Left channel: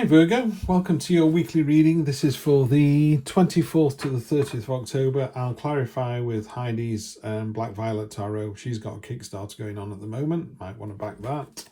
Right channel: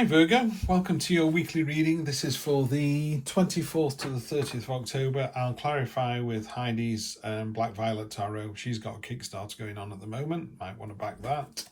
Hi Virgo, welcome to your weekly reading. This is for the 24th to the 30th of October. I'll clarify with Heidi's Black Violet Tarot. She's got a Kickstarter going on at the moment, might want to back that.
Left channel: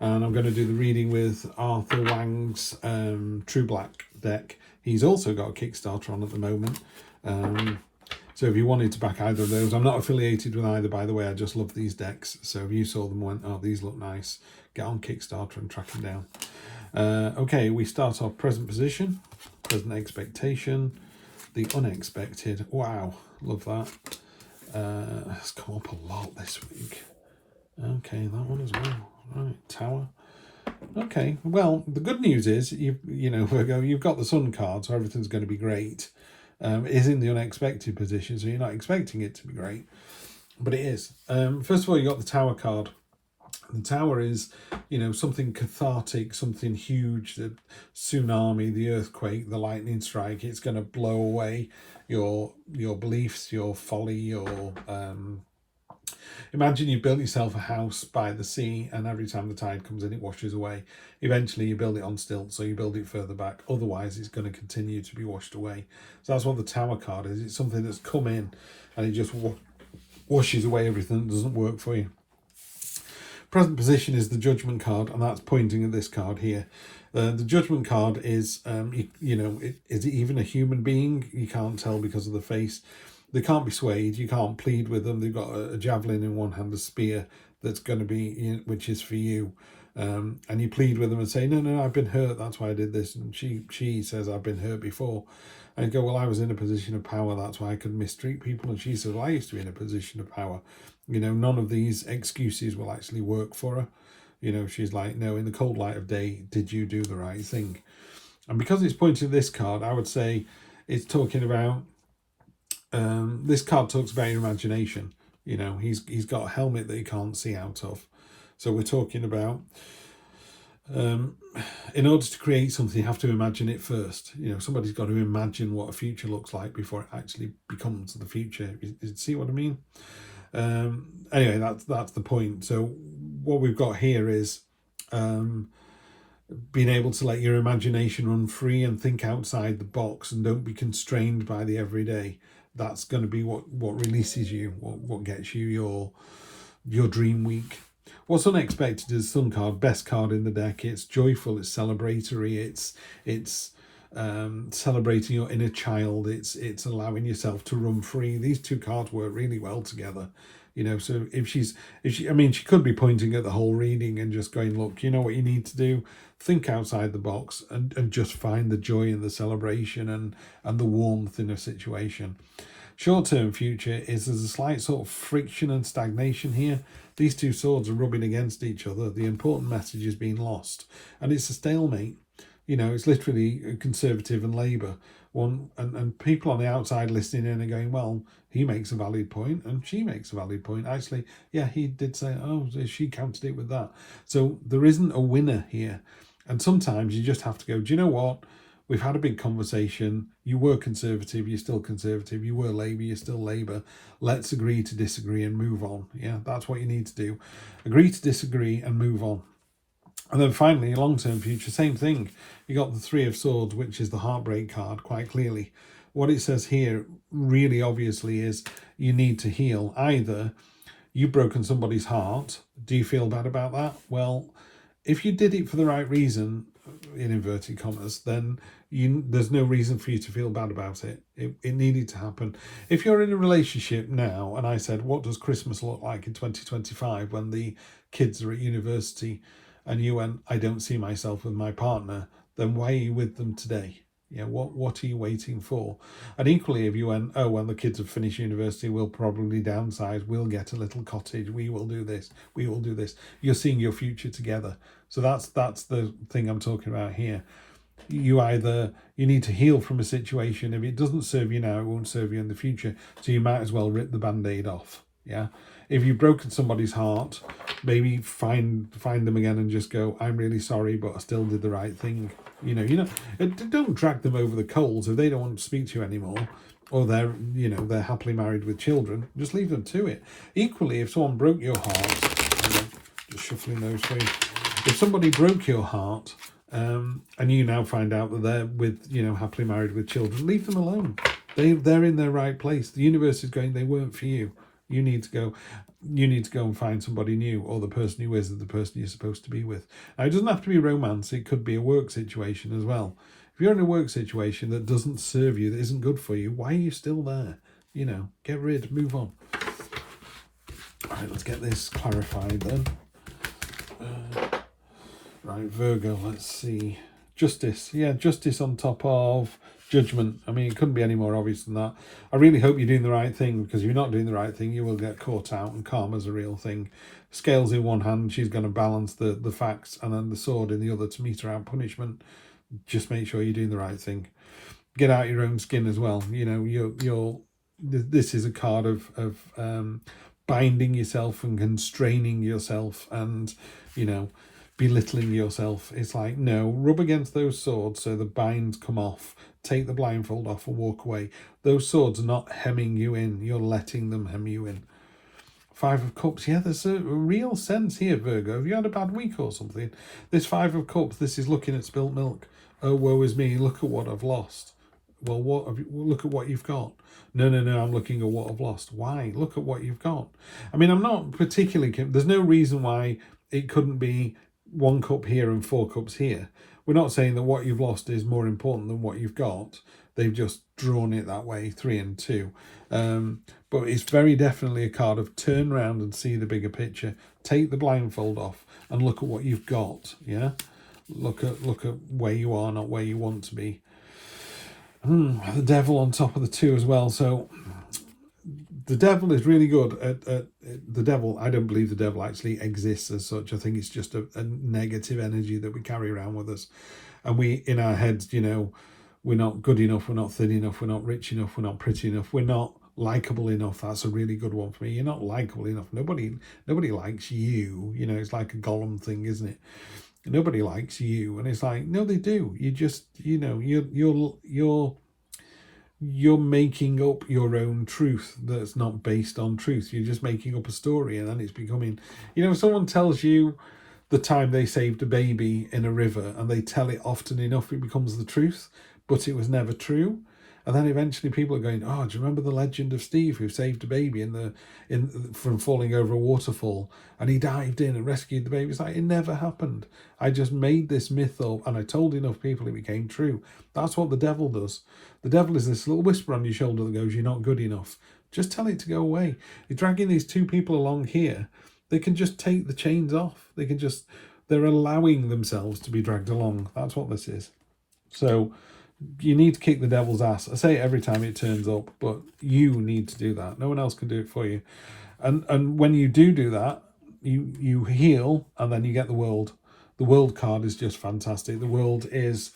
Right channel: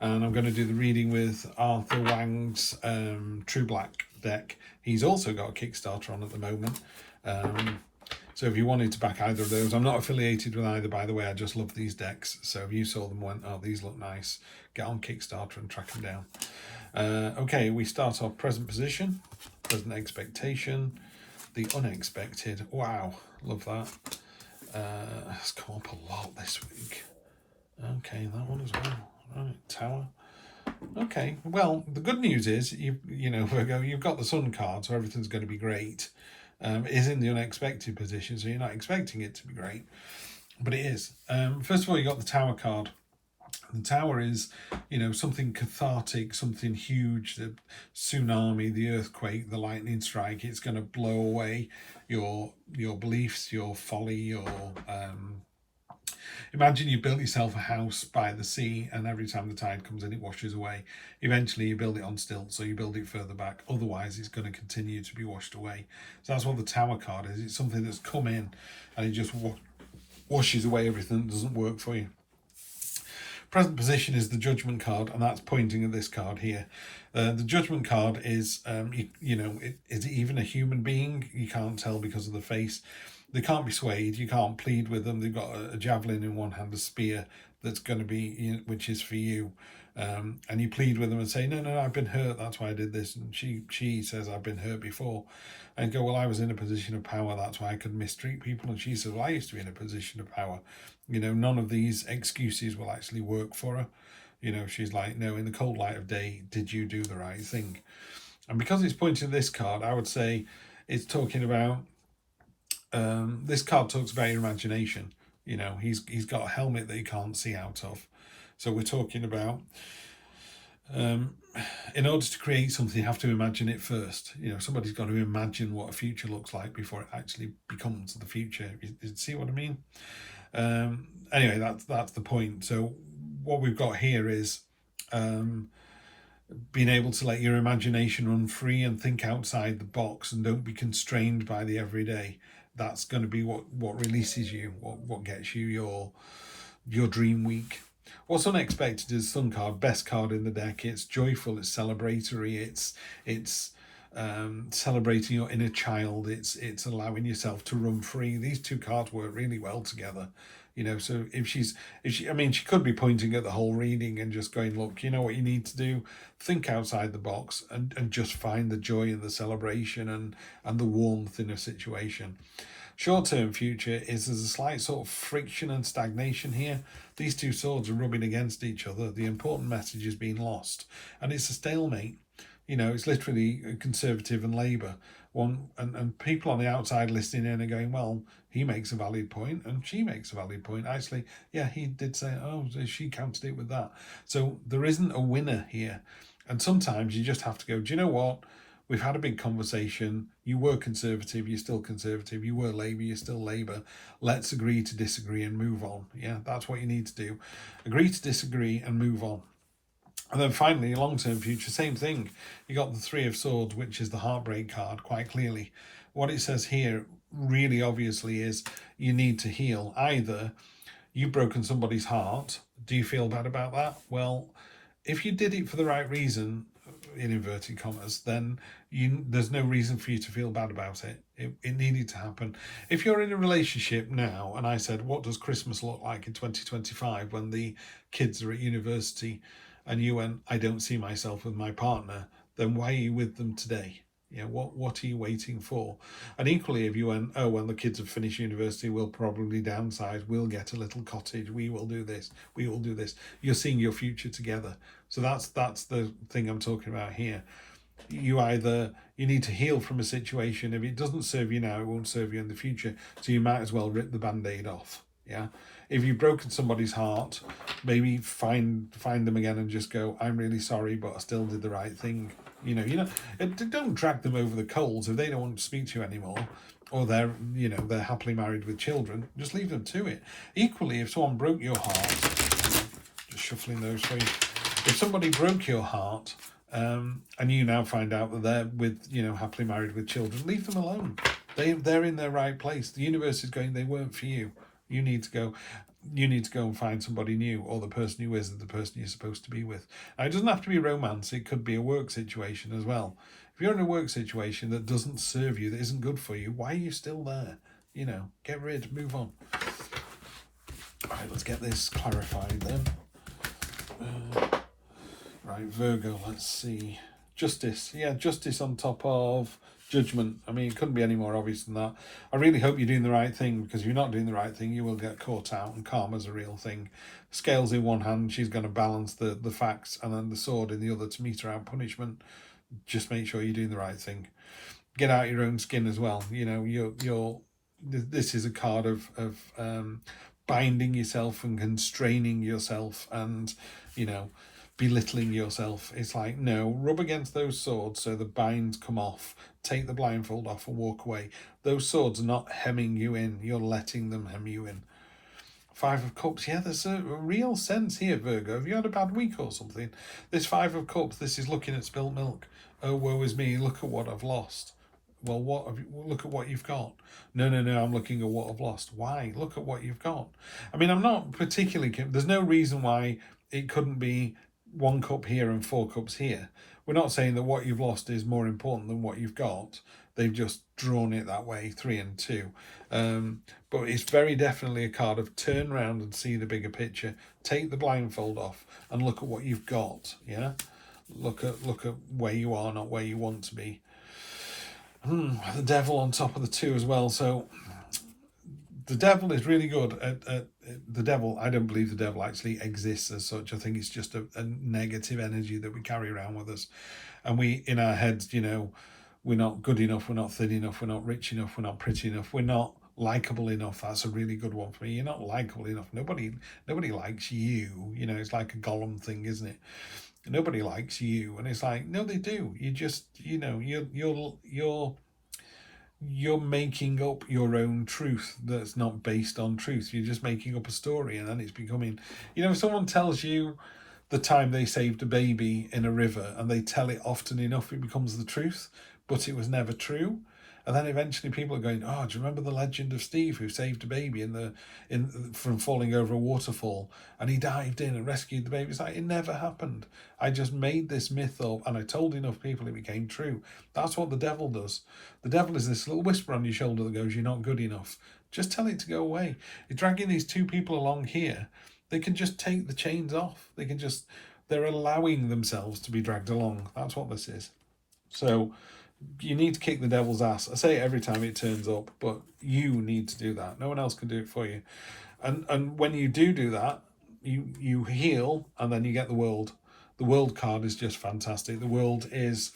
And I'm going to do the reading with Arthur Wang's True Black deck. He's also got a Kickstarter on at the moment. So if you wanted to back either of those, I'm not affiliated with either, by the way. I just love these decks. So if you saw them and went, oh, these look nice, get on Kickstarter and track them down. Okay, we start off present position, present expectation, the unexpected. Wow, love that. It's come up a lot this week. Okay, that one as well. Right, Tower. Okay, well, the good news is, you know, Virgo, you've got the Sun card, so everything's going to be great. It is in the unexpected position, so you're not expecting it to be great, but it is. First of all, you got the Tower card. The Tower is, you know, something cathartic, something huge, the tsunami, the earthquake, the lightning strike. It's going to blow away your beliefs, your folly, your... Imagine you built yourself a house by the sea, and every time the tide comes in, it washes away. Eventually, you build it on stilts, so you build it further back. Otherwise, it's going to continue to be washed away. So that's what the Tower card is. It's something that's come in, and it just washes away everything that doesn't work for you. Present position is the Judgment card, and that's pointing at this card here. The Judgment card is, is it even a human being? You can't tell because of the face. They can't be swayed. You can't plead with them. They've got a javelin in one hand, a spear that's going to be, which is for you. And you plead with them and say, no, I've been hurt. That's why I did this. And she says, I've been hurt before. And you go, well, I was in a position of power. That's why I could mistreat people. And she says, well, I used to be in a position of power. You know, none of these excuses will actually work for her. You know, she's like, no, in the cold light of day, did you do the right thing? And because it's pointing at this card, I would say it's talking about, this card talks about your imagination. You know, he's got a helmet that you can't see out of. So we're talking about, in order to create something, you have to imagine it first. You know, somebody's got to imagine what a future looks like before it actually becomes the future. You see what I mean? Anyway, that's the point. So what we've got here is being able to let your imagination run free and think outside the box and don't be constrained by the everyday. That's going to be what releases you, what gets you your dream week. What's unexpected is Sun card, best card in the deck. It's joyful, it's celebratory, it's celebrating your inner child, it's allowing yourself to run free. These two cards work really well together. You know, so if she could be pointing at the whole reading and just going, look, you know what you need to do? Think outside the box and just find the joy and the celebration and the warmth in a situation. Short-term future is there's a slight sort of friction and stagnation here. These two swords are rubbing against each other. The important message is being lost. And it's a stalemate. You know, it's literally Conservative and Labour. And people on the outside listening in and going, well, he makes a valid point and she makes a valid point. Actually, yeah, he did say, oh, she countered it with that. So there isn't a winner here. And sometimes you just have to go, do you know what? We've had a big conversation. You were Conservative, you're still Conservative. You were Labour, you're still Labour. Let's agree to disagree and move on. Yeah, that's what you need to do. Agree to disagree and move on. And then finally, long-term future, same thing. You got the Three of Swords, which is the heartbreak card, quite clearly. What it says here, really obviously, is you need to heal. Either you've broken somebody's heart. Do you feel bad about that? Well, if you did it for the right reason, in inverted commas, then there's no reason for you to feel bad about it. It needed to happen. If you're in a relationship now, and I said, what does Christmas look like in 2025 when the kids are at university, and you went, I don't see myself with my partner, then why are you with them today? Yeah, what are you waiting for? And equally, if you went, oh, when the kids have finished university, we'll probably downsize, we'll get a little cottage, we will do this, we will do this. You're seeing your future together. So that's the thing I'm talking about here. You need to heal from a situation. If it doesn't serve you now, it won't serve you in the future. So you might as well rip the Band-Aid off. Yeah. If you've broken somebody's heart, maybe find them again and just go, I'm really sorry, but I still did the right thing. You know, don't drag them over the coals if they don't want to speak to you anymore, or they're happily married with children. Just leave them to it. Equally, if someone broke your heart, just shuffling those through. If somebody broke your heart and you now find out that they're with, you know, happily married with children. Leave them alone. They're in their right place. The universe is going, they weren't for you. You need to go. You need to go and find somebody new, or the person who isn't the person you're supposed to be with. Now, it doesn't have to be romance. It could be a work situation as well. If you're in a work situation that doesn't serve you, that isn't good for you, why are you still there? You know, get rid, move on. All right, let's get this clarified then. Right, Virgo, let's see. Justice. Yeah, justice on top of judgment. I mean, it couldn't be any more obvious than that. I really hope you're doing the right thing, because if you're not doing the right thing, you will get caught out, and karma's a real thing. Scales in one hand, she's going to balance the facts, and then the sword in the other to meter out punishment. Just make sure you're doing the right thing. Get out your own skin as well. You know, this is a card of binding yourself and constraining yourself, and, you know, belittling yourself. It's like, no, rub against those swords so the binds come off. Take the blindfold off and walk away. Those swords are not hemming you in. You're letting them hem you in. Five of Cups. Yeah, there's a real sense here, Virgo. Have you had a bad week or something? This Five of Cups, this is looking at spilt milk. Oh, woe is me. Look at what I've lost. Well, look at what you've got. No, I'm looking at what I've lost. Why? Look at what you've got. I mean, I'm not particularly... There's no reason why it couldn't be 1 cup here and 4 cups here. We're not saying that what you've lost is more important than what you've got. They've just drawn it that way, 3 and 2. But it's very definitely a card of turn around and see the bigger picture. Take the blindfold off and look at what you've got. Yeah, look at where you are, not where you want to be. The Devil on top of the 2 as well. So the Devil is really good at the Devil. I don't believe the Devil actually exists as such. I think it's just a negative energy that we carry around with us, and we, in our heads, you know, we're not good enough, we're not thin enough, we're not rich enough, we're not pretty enough, we're not likable enough. That's a really good one for me. You're not likable enough. Nobody likes you. You know, it's like a Gollum thing, isn't it? Nobody likes you. And it's like, no, they do. You just, you know, you're making up your own truth that's not based on truth. You're just making up a story, and then it's becoming, you know, if someone tells you the time they saved a baby in a river and they tell it often enough, it becomes the truth, but it was never true. And then eventually people are going, oh, do you remember the legend of Steve who saved a baby from falling over a waterfall, and he dived in and rescued the baby? It's like, it never happened. I just made this myth up, and I told enough people it became true. That's what the Devil does. The Devil is this little whisper on your shoulder that goes, you're not good enough. Just tell it to go away. You're dragging these 2 people along here. They can just take the chains off. They're allowing themselves to be dragged along. That's what this is. So you need to kick the devil's ass. I say it every time it turns up, but you need to do that. No one else can do it for you. And when you do that, you heal, and then you get the World. The World card is just fantastic. The World is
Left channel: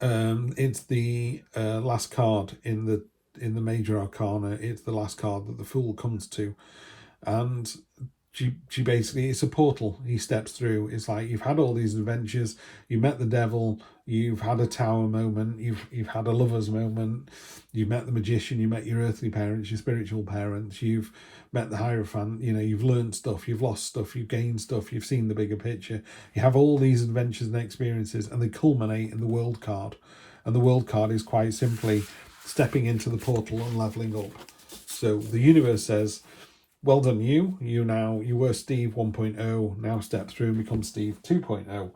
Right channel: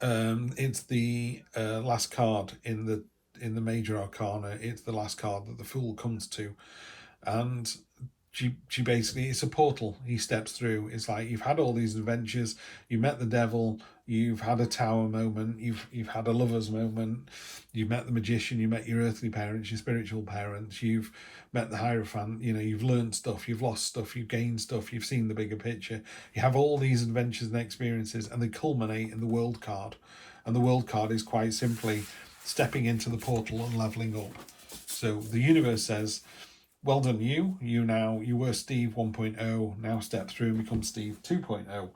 it's the last card in the major arcana. It's the last card that the Fool comes to, and she basically, it's a portal he steps through. It's like, you've had all these adventures, you met the Devil, you've had a tower moment, you've had a lover's moment, you've met the magician, you met your earthly parents, your spiritual parents, you've met the Hierophant, you know, you've learned stuff, you've lost stuff, you've gained stuff, you've seen the bigger picture. You have all these adventures and experiences, and they culminate in the World card. And the World card is quite simply stepping into the portal and leveling up. So the universe says, well done, you were Steve 1.0, now step through and become Steve 2.0.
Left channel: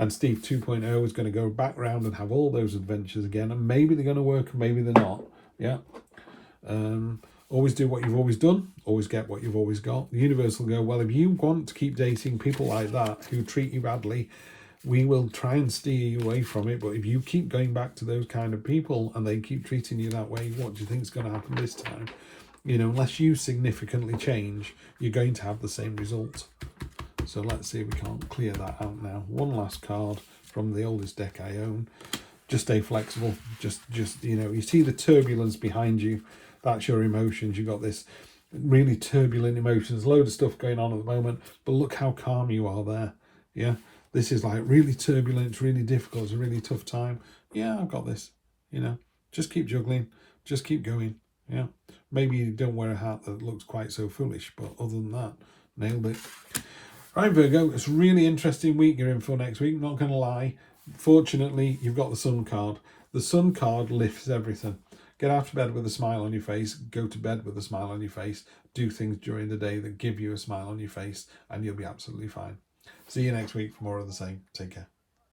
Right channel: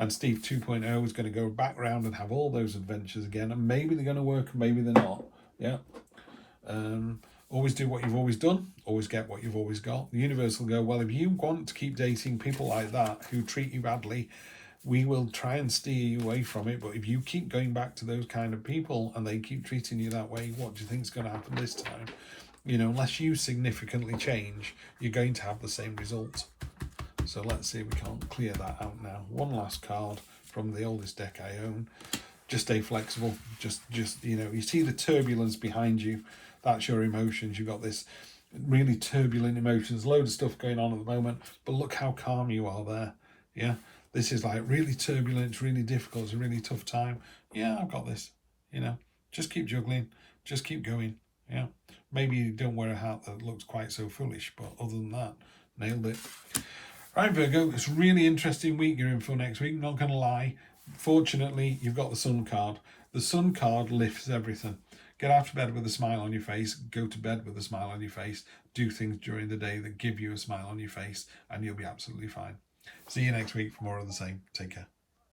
And Steve 2.0 is going to go back round and have all those adventures again, and maybe they're going to work and maybe they're not. Yeah. Always do what you've always done, always get what you've always got. The universe will go, well, if you want to keep dating people like that who treat you badly, we will try and steer you away from it. But if you keep going back to those kind of people and they keep treating you that way, what do you think is going to happen this time? You know, unless you significantly change, you're going to have the same result. So let's see if we can't clear that out now. One last card from the oldest deck I own. Just stay flexible. Just you know, you see the turbulence behind you. That's your emotions. You've got this really turbulent emotions, load of stuff going on at the moment, but look how calm you are there. Yeah, this is like really turbulent, it's really difficult, it's a really tough time. Yeah, I've got this. You know, just keep juggling, just keep going. Yeah, maybe you don't wear a hat that looks quite so foolish, but other than that, nailed it. All right, Virgo, it's a really interesting week you're in for next week, not going to lie. Fortunately, you've got the Sun card. The Sun card lifts everything. Get out of bed with a smile on your face, go to bed with a smile on your face, do things during the day that give you a smile on your face, and you'll be absolutely fine. See you next week for more of the same. Take care.